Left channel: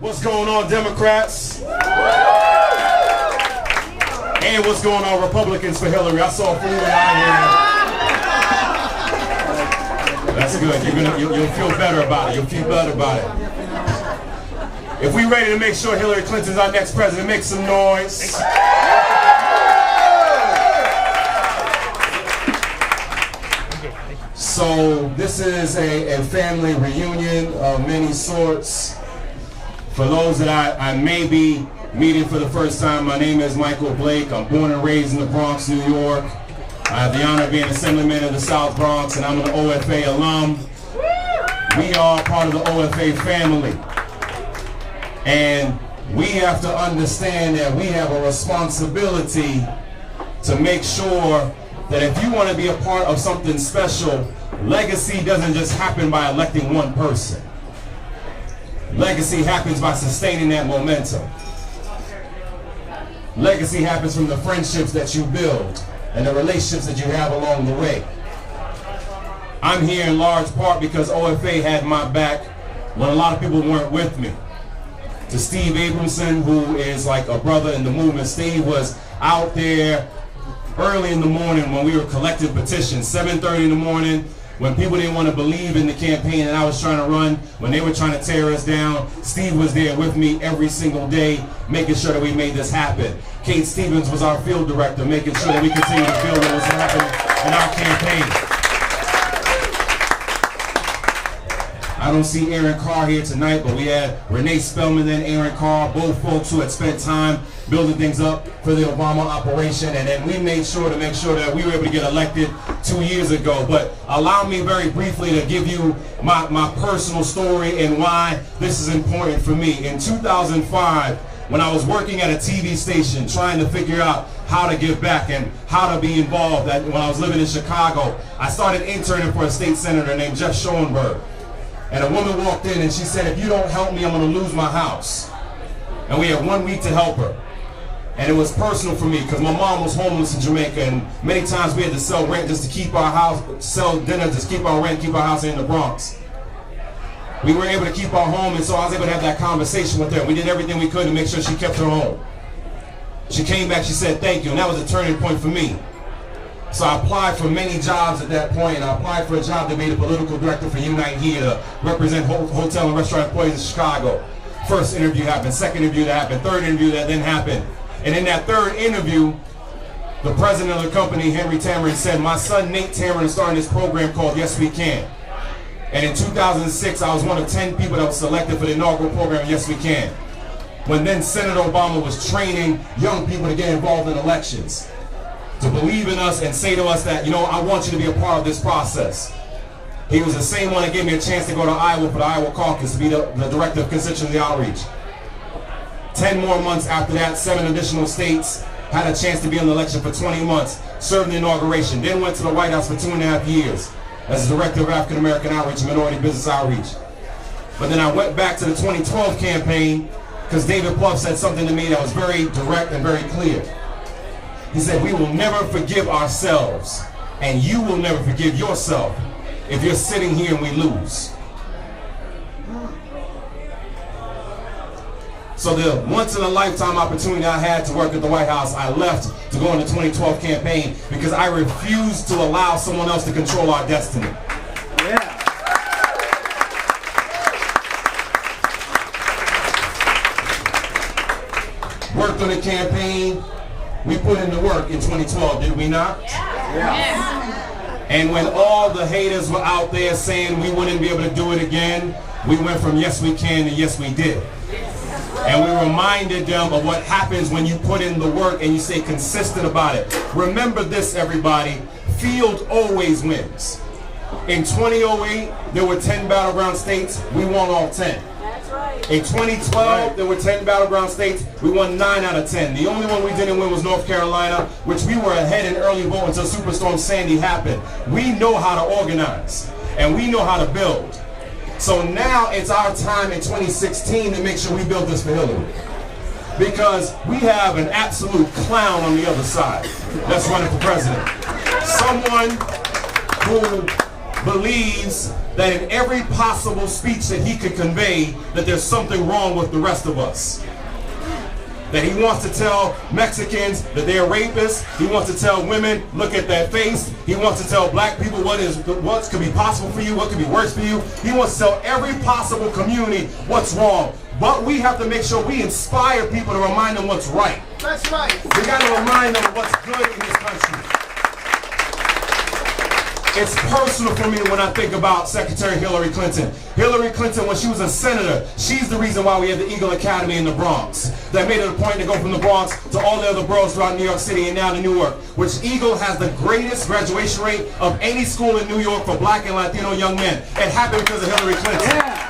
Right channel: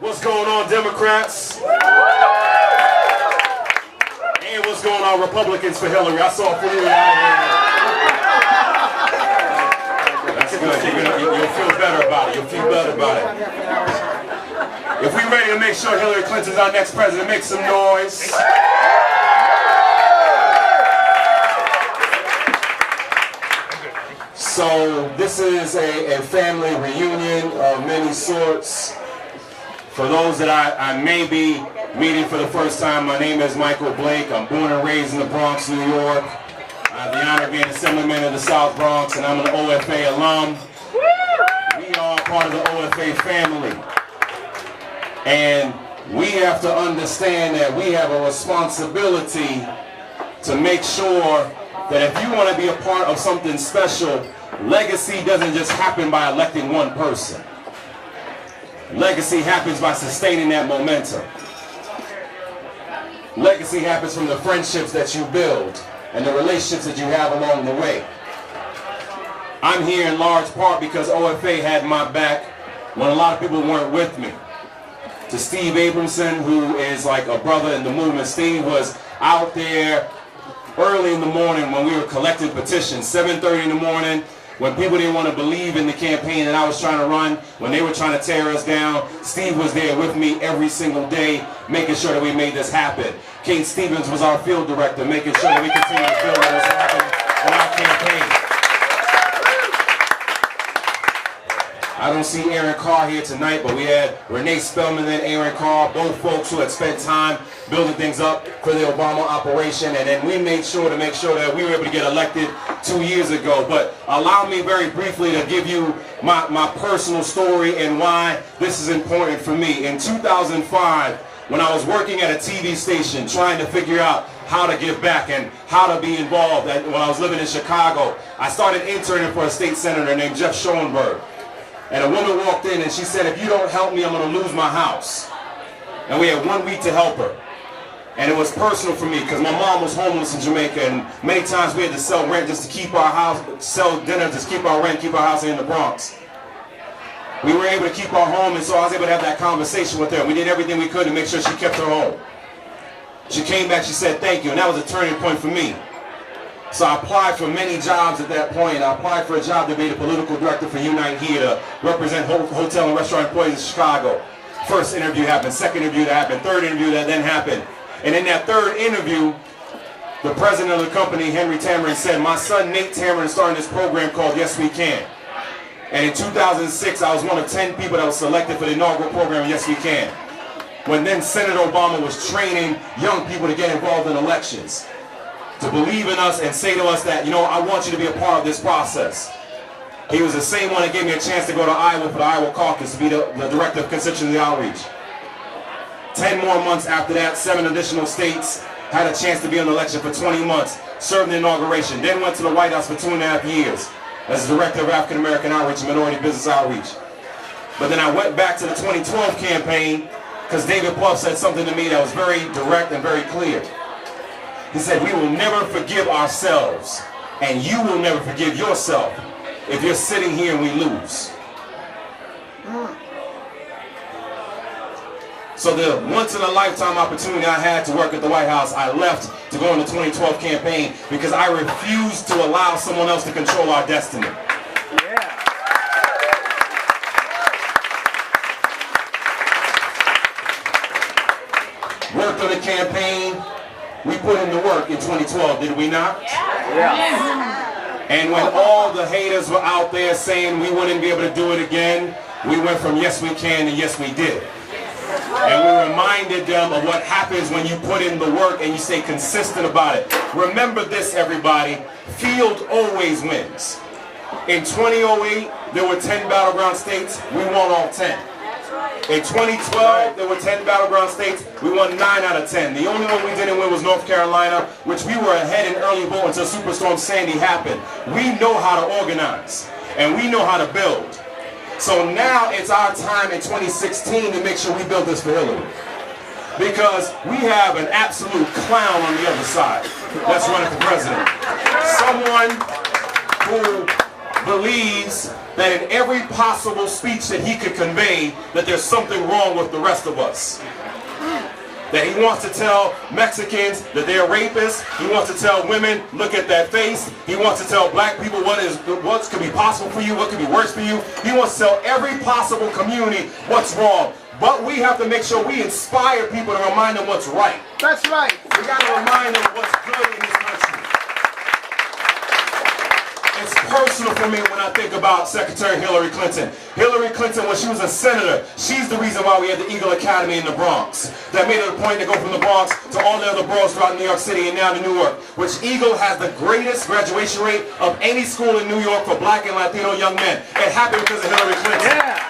What's going on, Democrats? And what's going on, Republicans for Hillary? I saw a few out here. That's good. You'll feel better about it. You'll feel better about it. If we're ready to make sure Hillary Clinton's our next president, make some noise. So this is a family reunion of many sorts. For those that I may be meeting for the first time, my name is Michael Blake. I'm born and raised in the Bronx, New York. I have the honor of being Assemblyman of the South Bronx, and I'm an OFA alum. We are part of the OFA family. And we have to understand that we have a responsibility to make sure that if you want to be a part of something special, legacy doesn't just happen by electing one person. Legacy happens by sustaining that momentum. Legacy happens from the friendships that you build and the relationships that you have along the way. I'm here in large part because OFA had my back when a lot of people weren't with me. To Steve Abramson, who is like a brother in the movement, Steve was out there early in the morning when we were collecting petitions, 7:30 in the morning, when people didn't want to believe in the campaign that I was trying to run, when they were trying to tear us down. Steve was there with me every single day, making sure that we made this happen. Kate Stevens was our field director, making sure that we continue to build what was happening in our campaign. I don't see Aaron Carr here tonight, but we had Renee Spellman and Aaron Carr, both folks who had spent time building things up for the Obama operation, and then we made sure that we were able to get elected 2 years ago. But allow me very briefly to give you my personal story and why this is important for me. In 2005, when I was working at a TV station trying to figure out how to give back and how to be involved, when I was living in Chicago, I started interning for a state senator named Jeff Schoenberg. And a woman walked in and she said, if you don't help me, I'm going to lose my house. And we had 1 week to help her. And it was personal for me because my mom was homeless in Jamaica, and many times we had to sell rent just to keep our house, sell dinner just to keep our rent, keep our house in the Bronx. We were able to keep our home, and so I was able to have that conversation with her. We did everything we could to make sure she kept her home. She came back, she said thank you, and that was a turning point for me. So I applied for many jobs at that point, and I applied for a job to be the political director for Unite Here to represent hotel and restaurant employees in Chicago. First interview happened, second interview that happened, third interview that then happened. And in that third interview, the president of the company, Henry Tamron, said, my son Nate Tamron is starting this program called Yes We Can. And in 2006, I was one of 10 people that was selected for the inaugural program, Yes We Can, when then Senator Obama was training young people to get involved in elections, to believe in us and say to us that, you know, I want you to be a part of this process. He was the same one that gave me a chance to go to Iowa for the Iowa caucus to be the director of constituency outreach. 10 more months after that, 7 additional states had a chance to be in the election for 20 months, served the inauguration, then went to the White House for 2.5 years as the director of African American Outreach and Minority Business Outreach. But then I went back to the 2012 campaign because David Plouffe said something to me that was very direct and very clear. He said, we will never forgive ourselves, and you will never forgive yourself if you're sitting here and we lose. So the once-in-a-lifetime opportunity I had to work at the White House, I left to go on the 2012 campaign because I refused to allow someone else to control our destiny. Yeah. Worked on the campaign. We put in the work in 2012, did we not? Yeah. And when all the haters were out there saying we wouldn't be able to do it again, we went from yes we can to yes we did. And we reminded them of what happens when you put in the work and you stay consistent about it. Remember this, everybody, field always wins. In 2008, there were 10 battleground states, we won all 10. In 2012, there were 10 battleground states. We won 9 out of 10. The only one we didn't win was North Carolina, which we were ahead in early vote until Superstorm Sandy happened. We know how to organize, and we know how to build. So now it's our time in 2016 to make sure we build this for Hillary. Because we have an absolute clown on the other side that's running for president. Someone who believes that in every possible speech that he could convey that there's something wrong with the rest of us. That he wants to tell Mexicans that they're rapists. He wants to tell women, look at that face. He wants to tell black people what could be possible for you, what could be worse for you. He wants to tell every possible community what's wrong. But we have to make sure we inspire people to remind them what's right. That's right. We got to remind them what's good in this country. It's personal for me when I think about Secretary Hillary Clinton. Hillary Clinton, when she was a senator, she's the reason why we have the Eagle Academy in the Bronx. That made it a point to go from the Bronx to all the other boroughs throughout New York City and now to Newark, which Eagle has the greatest graduation rate of any school in New York for black and Latino young men. It happened because of Hillary Clinton. Yeah.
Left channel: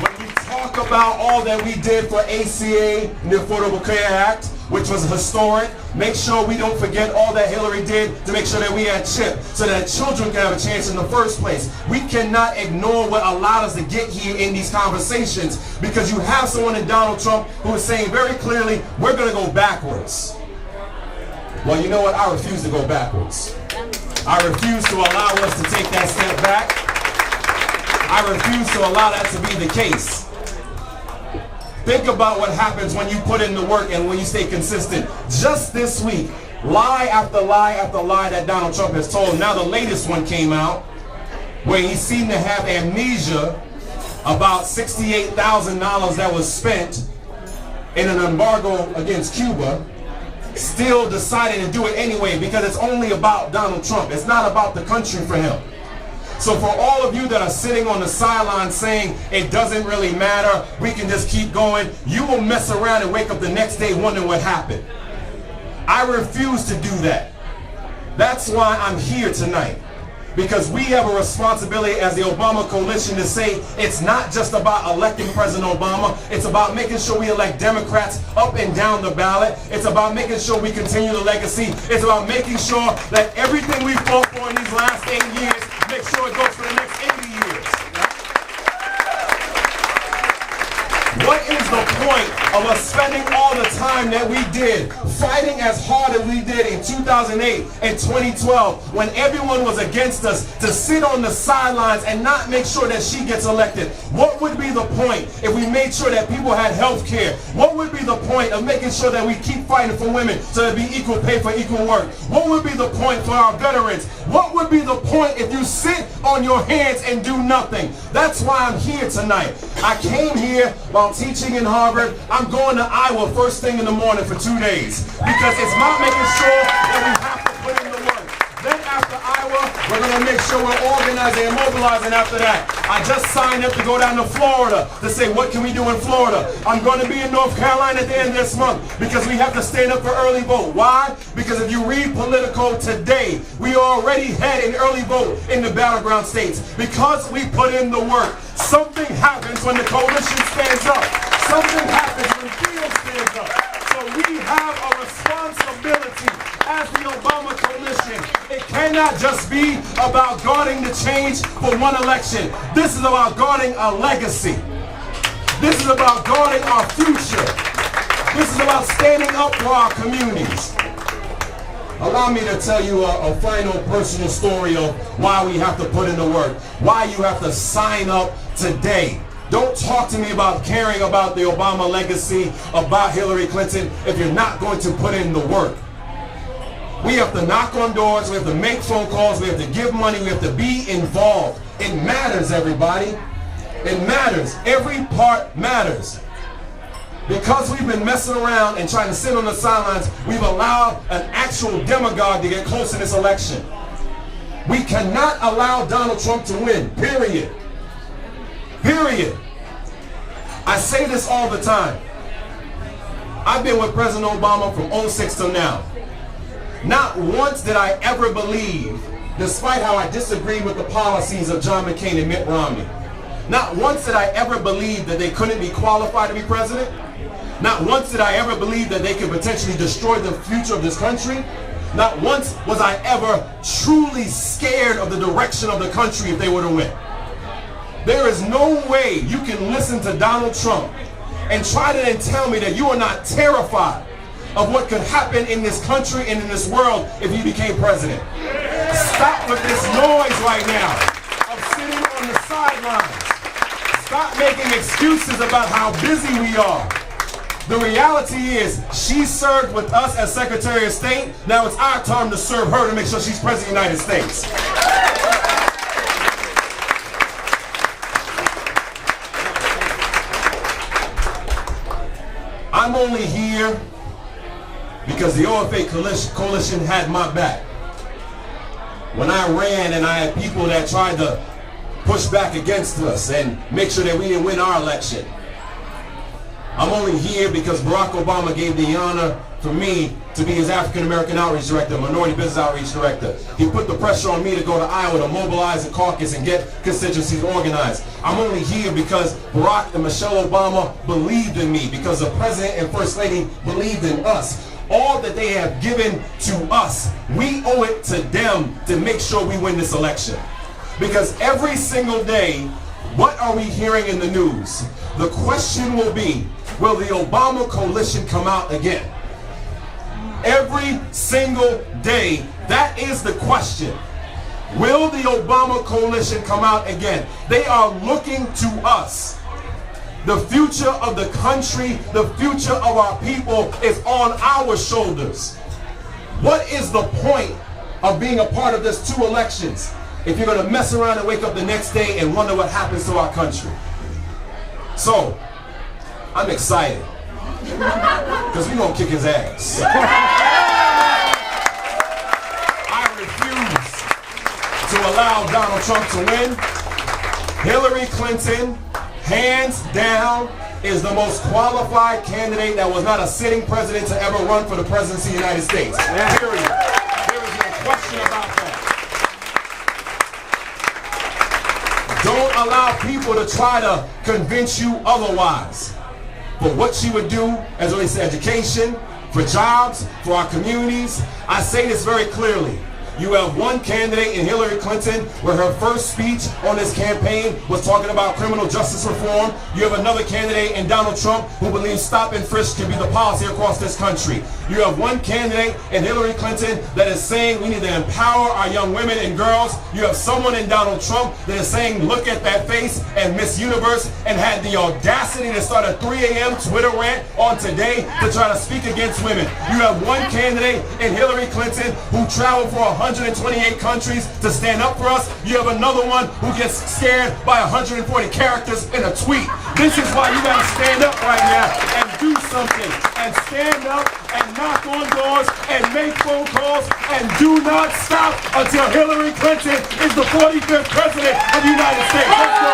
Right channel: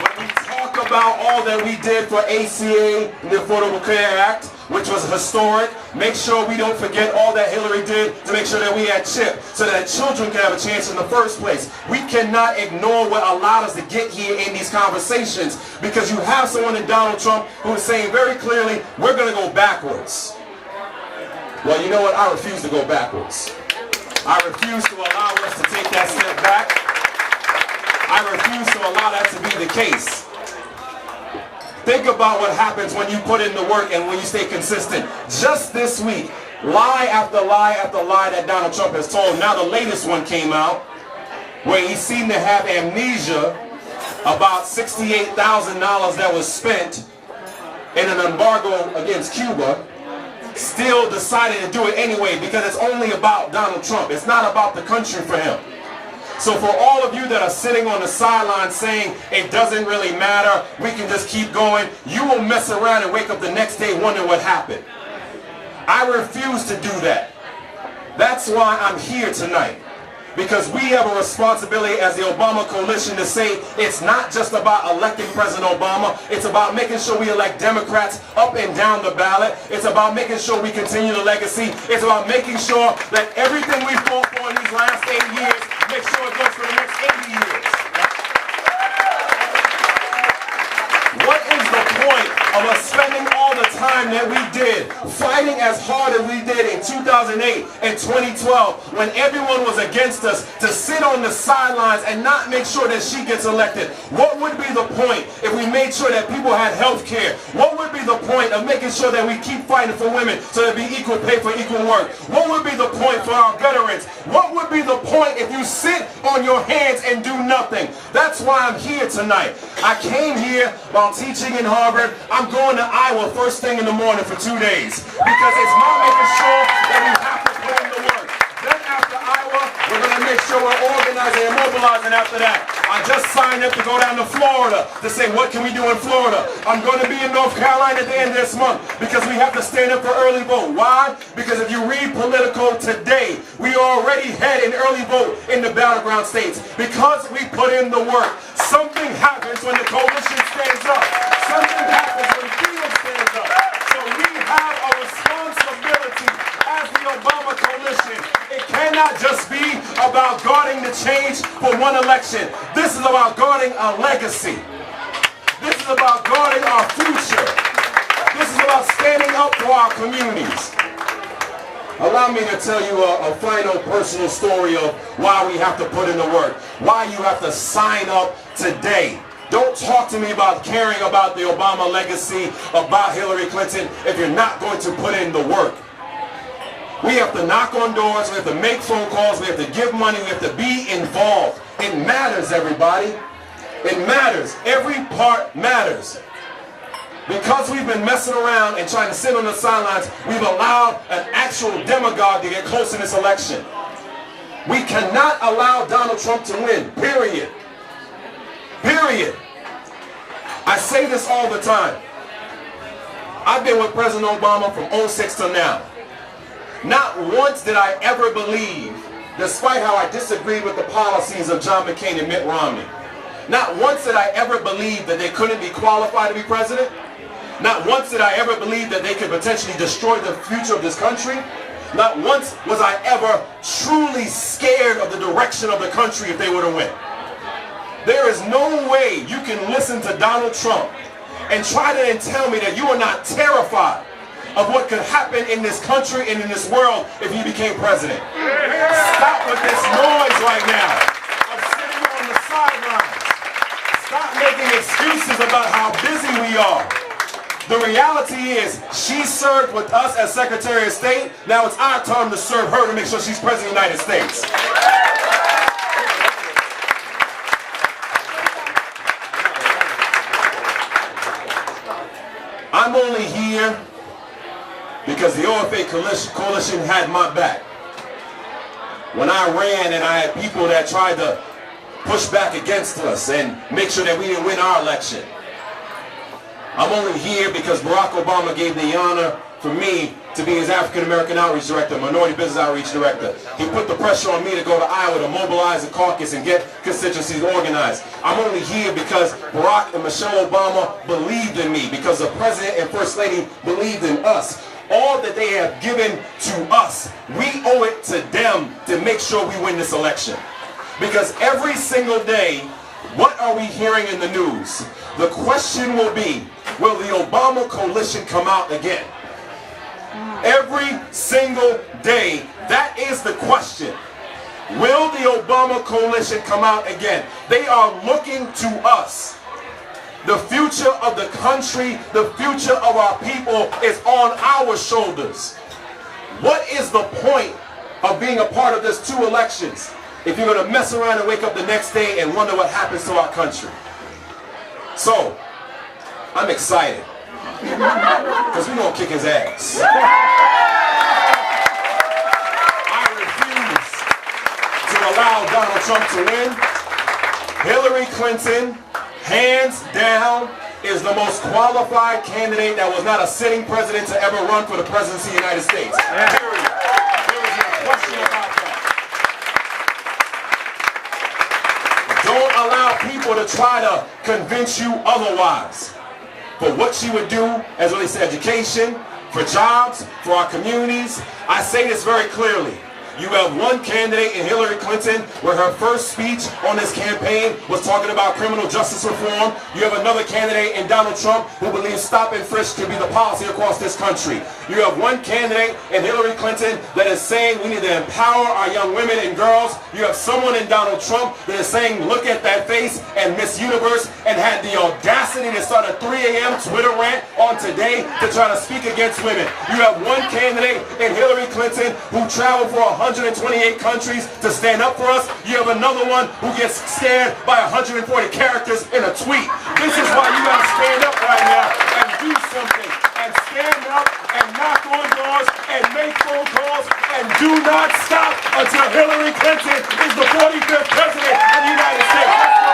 When we talk about all that we did for ACA, the Affordable Care Act, which was historic, make sure we don't forget all that Hillary did to make sure that we had CHIP, so that children can have a chance in the first place. We cannot ignore what allowed us to get here in these conversations, because you have someone in Donald Trump who is saying very clearly, we're going to go backwards. Well, you know what? I refuse to go backwards. I refuse to allow us to take that step back. I refuse to allow that to be the case. Think about what happens when you put in the work and when you stay consistent. Just this week, lie after lie after lie that Donald Trump has told. Now the latest one came out where he seemed to have amnesia about $68,000 that was spent in an embargo against Cuba. Still decided to do it anyway because it's only about Donald Trump. It's not about the country for him. So for all of you that are sitting on the sidelines saying it doesn't really matter, we can just keep going, you will mess around and wake up the next day wondering what happened. I refuse to do that. That's why I'm here tonight. Because we have a responsibility as the Obama coalition to say it's not just about electing President Obama, it's about making sure we elect Democrats up and down the ballot. It's about making sure we continue the legacy. It's about making sure that everything we fought for in these last 8 years, make sure it goes for the next 80 years. What is the point of us spending all the time that we did, fighting as hard as we did in 2008 and 2012 when everyone was against us, to sit on the sidelines and not make sure that she gets elected? What would be the point if we made sure that people had health care? What would be the point of making sure that we keep fighting for women so there'd be equal pay for equal work? What would be the point for our veterans? What would be the point if you sit on your hands and do nothing? That's why I'm here tonight. I came here while teaching in Harvard. I'm going to Iowa first thing in the morning for 2 days because it's not making sure that we have to put in the work. Then after Iowa, we're going to make sure we're organizing and mobilizing after that. I just signed up to go down to Florida to say, what can we do in Florida? I'm going to be in North Carolina at the end of this month because we have to stand up for early vote. Why? Because if you read Politico today, we already had an early vote in the battleground states because we put in the work. Something happens when the coalition stands up. Something happens when Theo stands up. So we have a responsibility as the Obama coalition. It cannot just be about guarding the change for one election. This is about guarding a legacy. This is about guarding our future. This is about standing up for our communities. Allow me to tell you a final personal story of why we have to put in the work, why you have to sign up today. Don't talk to me about caring about the Obama legacy, about Hillary Clinton, if you're not going to put in the work. We have to knock on doors, we have to make phone calls, we have to give money, we have to be involved. It matters, everybody. It matters. Every part matters. Because we've been messing around and trying to sit on the sidelines, we've allowed an actual demagogue to get close in this election. We cannot allow Donald Trump to win, period. Period. I say this all the time. I've been with President Obama from 2006 till now. Not once did I ever believe, despite how I disagreed with the policies of John McCain and Mitt Romney, not once did I ever believe that they couldn't be qualified to be president. Not once did I ever believe that they could potentially destroy the future of this country. Not once was I ever truly scared of the direction of the country if they were to win. There is no way you can listen to Donald Trump and try to then tell me that you are not terrified of what could happen in this country and in this world if he became president. Stop with this noise right now of sitting on the sidelines. Stop making excuses about how busy we are. The reality is, she served with us as Secretary of State. Now it's our turn to serve her to make sure she's President of the United States. I'm only here because the OFA coalition had my back. When I ran and I had people that tried to push back against us and make sure that we didn't win our election. I'm only here because Barack Obama gave the honor for me to be his African American Outreach Director, Minority Business Outreach Director. He put the pressure on me to go to Iowa to mobilize a caucus and get constituencies organized. I'm only here because Barack and Michelle Obama believed in me, because the President and First Lady believed in us. All that they have given to us, we owe it to them to make sure we win this election. Because every single day, what are we hearing in the news? The question will be, will the Obama coalition come out again? Every single day, that is the question. Will the Obama coalition come out again? They are looking to us. The future of the country, the future of our people is on our shoulders. What is the point of being a part of this 2 elections if you're going to mess around and wake up the next day and wonder what happens to our country? So, I'm excited because we're going to kick his ass. I refuse to allow Donald Trump to win. Hillary Clinton, hands down, is the most qualified candidate that was not a sitting president to ever run for the presidency of the United States. Period. There is no question about that. Don't allow people to try to convince you otherwise. For what she would do as it relates to education, for jobs, for our communities, I say this very clearly. You have one candidate in Hillary Clinton where her first speech on this campaign was talking about criminal justice reform. You have another candidate in Donald Trump who believes stop and frisk can be the policy across this country. You have one candidate in Hillary Clinton that is saying we need to empower our young women and girls. You have someone in Donald Trump that is saying look at that face and Miss Universe, and had the audacity to start a 3 a.m. Twitter rant on Today to try to speak against women. You have one candidate in Hillary Clinton who traveled for 128 countries to stand up for us. You have another one who gets scared by 140 characters in a tweet. This is why you gotta stand up right now and do something. And stand up and knock on doors and make phone calls and do not stop until Hillary Clinton is the 45th president of the United States. Let's go.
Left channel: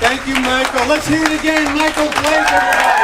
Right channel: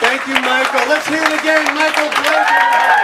Thank you, Michael. Let's hear it again. Michael, please, everybody.